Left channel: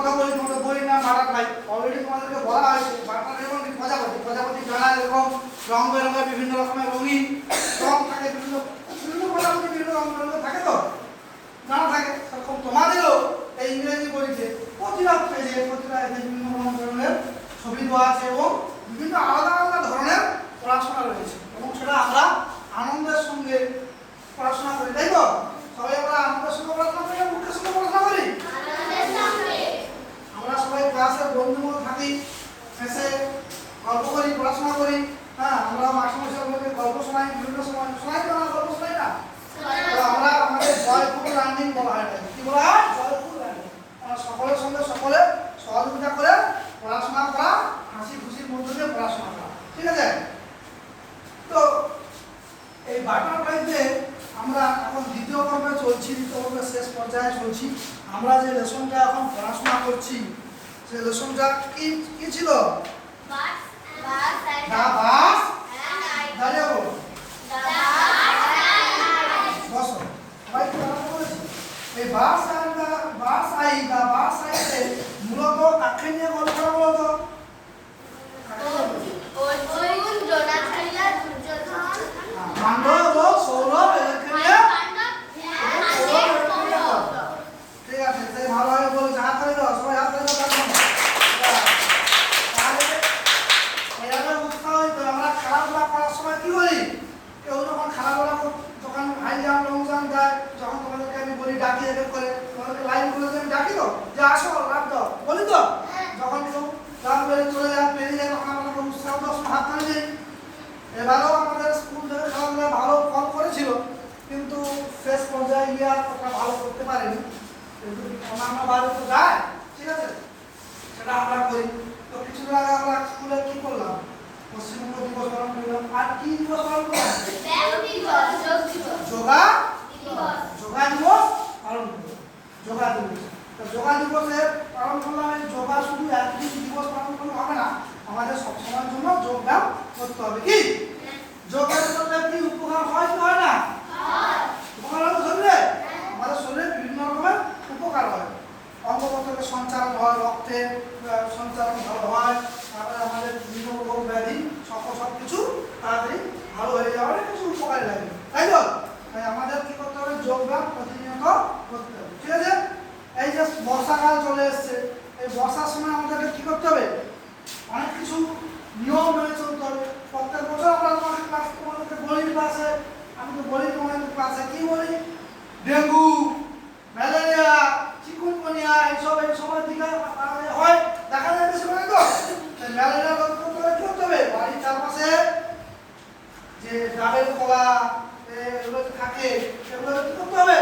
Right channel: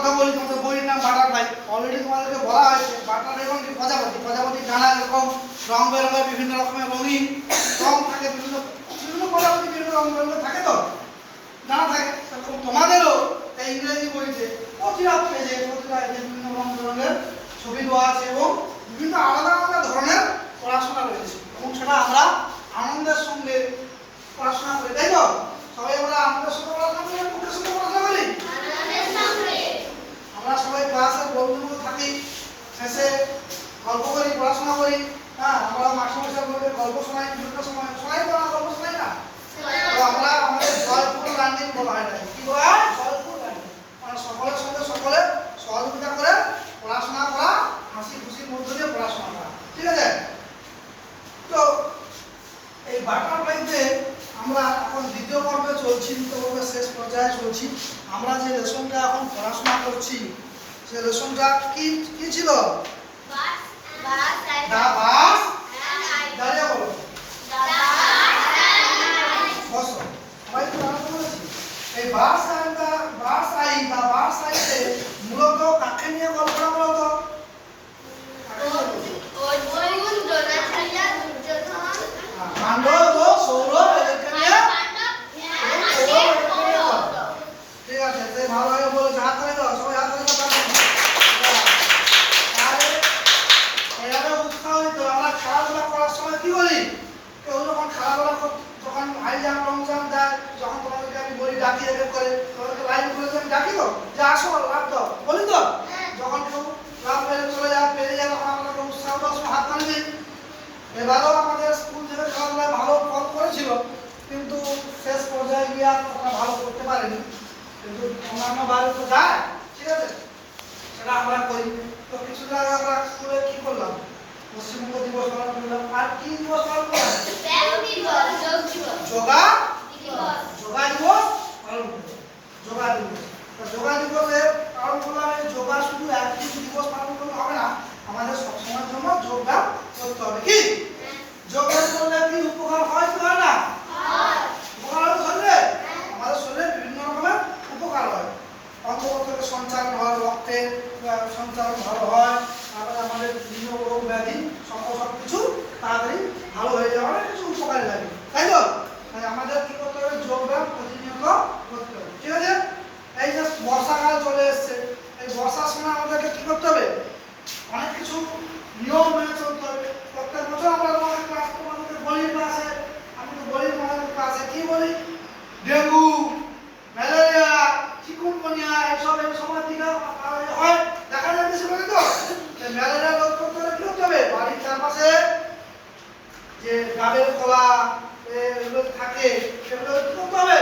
কথা বলি, তোমাদের বইয়ের নাম বাটারফ্লাই। অলরেডি তোমাদেরকে বলা হয়েছে বাটারফ্লাই মানে কি প্রজাপতি। প্রজাপতির ডানা এরকম রং বেরঙের বিভিন্ন রকমের রঙিন রং থাকে, বিভিন্ন বিভিন্ন প্রজাপতি বিভিন্ন রং বেরঙের থাকে, তো জানা থাকে। সেরকম তোমাদেরও এই ইংরেজি বইতে প্রতিটা পেজে প্রতিটা বিভিন্ন রং বেরঙের ছবি দেওয়া আছে এবং বিভিন্ন আলাদা আলাদা ধরনের পড়াশোনা রয়েছে এবং সেটা আমরা আনন্দের সঙ্গে পড়াশোনা করি, তাই তো? সবাই আমরা আনন্দের সঙ্গে পড়াশোনা করি না মুখের সঙ্গে পড়াশোনা করি? আমরা সবাই ক্লাসের বন্ধুর মতো থাকি, শেষে গল্প করি, পড়াশোনা করি। হ্যাঁ, আমরা মাস্টারমশাই বলতে গল্প শোনাই, বিভিন্ন সময় শোনাই, তো আমরা গল্প শোনাই না? তো আমরা আমাদের জয়পুর লার্নিং বলা হয়, কি বলা হয়? জয়পুর লার্নিং। আমরা সকলের সঙ্গে সকলে সহযোগিতা করে পড়াশোনা করা, হাসি খুশির মধ্যে দিয়ে পড়াশোনা করা, ঠিক আছে? তো এই বাটারফ্লাইতে আমরা এখন দ্বিতীয় পর্বে চলছি, দ্বিতীয় পর্বের শেষ পর্যায়ে চলছি। আমরা যে লেসনটা এখন পড়াশোনা করছি সেই লেসনটা কি কি ছিল? দাঁড়িয়ে বলো। বসো, সবাই তো জানা বলেছি। এই বাস আইতে মূলত কাকে নিয়ে গল্পটা বলতো? পাণ্ডব ও সৌরভ এদেরকে নিয়ে। ঠিক আছে, সে ভালোভাবে বলেছে, হাত করে দাও, সবাই হাত করে দাও। তাহলে এভাবে উৎসাহ দিতে আমরা খেলাধুলা করার সময় কি বলি? কেউ যখন খেলাধুলা যখন হাই জাম্প লং জাম্প দেয়, যখন তোমাদেরকে আমি বলি ডাকি এক করে, তোমাদেরকে লাইন করে আমি ডাকি তো যে আসো লাভ দাও, বলি তো? যখন কেউ লাভ পেরে চলে যায়, পেরিয়ে যায়, তখন আমরা উৎসাহ দাও, হাত করে দিই। এবারেও আমাদের স্কুল থেকে খেলাধুলায় ভালো ফল করেছিল, কিন্তু শেষ পর্যায়ে গিয়ে আমরা ভালো করতে পারিনি, কিন্তু অন্যান্য বারে তো যায়, ঠিক আছে? সেটা আমরা করি। তো কিছুদিন আগে আমরা স্কুলে কি করলাম? পশ্চিমবঙ্গ দিবস পালন করলাম। আর কি দিবস পালন করলাম? যোগা দিবস পালন করলাম। যোগা দিবস। তো যোগা দিবসে পালন করলাম। এই যোগা শুধু একদিন দিবস পালন করলে হবে না, আমাদের সবসময়ের জন্য যোগব্যায়াম করতে হবে। কি যোগব্যায়াম করলে কি উপকার হয় কি হয় না? উপকার হয় শরীরে? আমাদের শরীরে বিভিন্ন রকমের উপকার হয়। অঙ্গ প্রত্যঙ্গের সঞ্চালন হয়, রক্তের সঞ্চালন ভালো হয়, তারপরে আমাদের বিভিন্ন রোগ ব্যাধি সব কিছু তাড়াতাড়ি ভালো হয়ে যাওয়ার কিছু উপকারী লাগে, তাই তো? তাই আমাদের কি করতে হবে? যোগব্যায়াম প্রতিনিয়ত করতে হবে, ঠিক আছে? এই যে বর্ষাকাল চলে এসছে, এই বর্ষার সময় আমাদেরকে কি করতে হবে? অনেক কিছু নিয়ম মেনে চলতে হবে। প্রত্যেক বছর আমরা আমাদের ক্লাস তোমাদেরকে বলি, ক্লাসে আমি তো বলি তোমাদের ক্লাসে কি বলি? ডেঙ্গু, ম্যালেরিয়া, চিকুনগুনিয়া এই সময় দিকে হয়, দেখা যায় বেশি করে। তো ম্যালেরিয়া রোধ করতে হলে কি করতে হবে? বাড়ির চারপাশে যে ডাবের কলা এগুলো থাকে সেগুলো কি করতে হবে?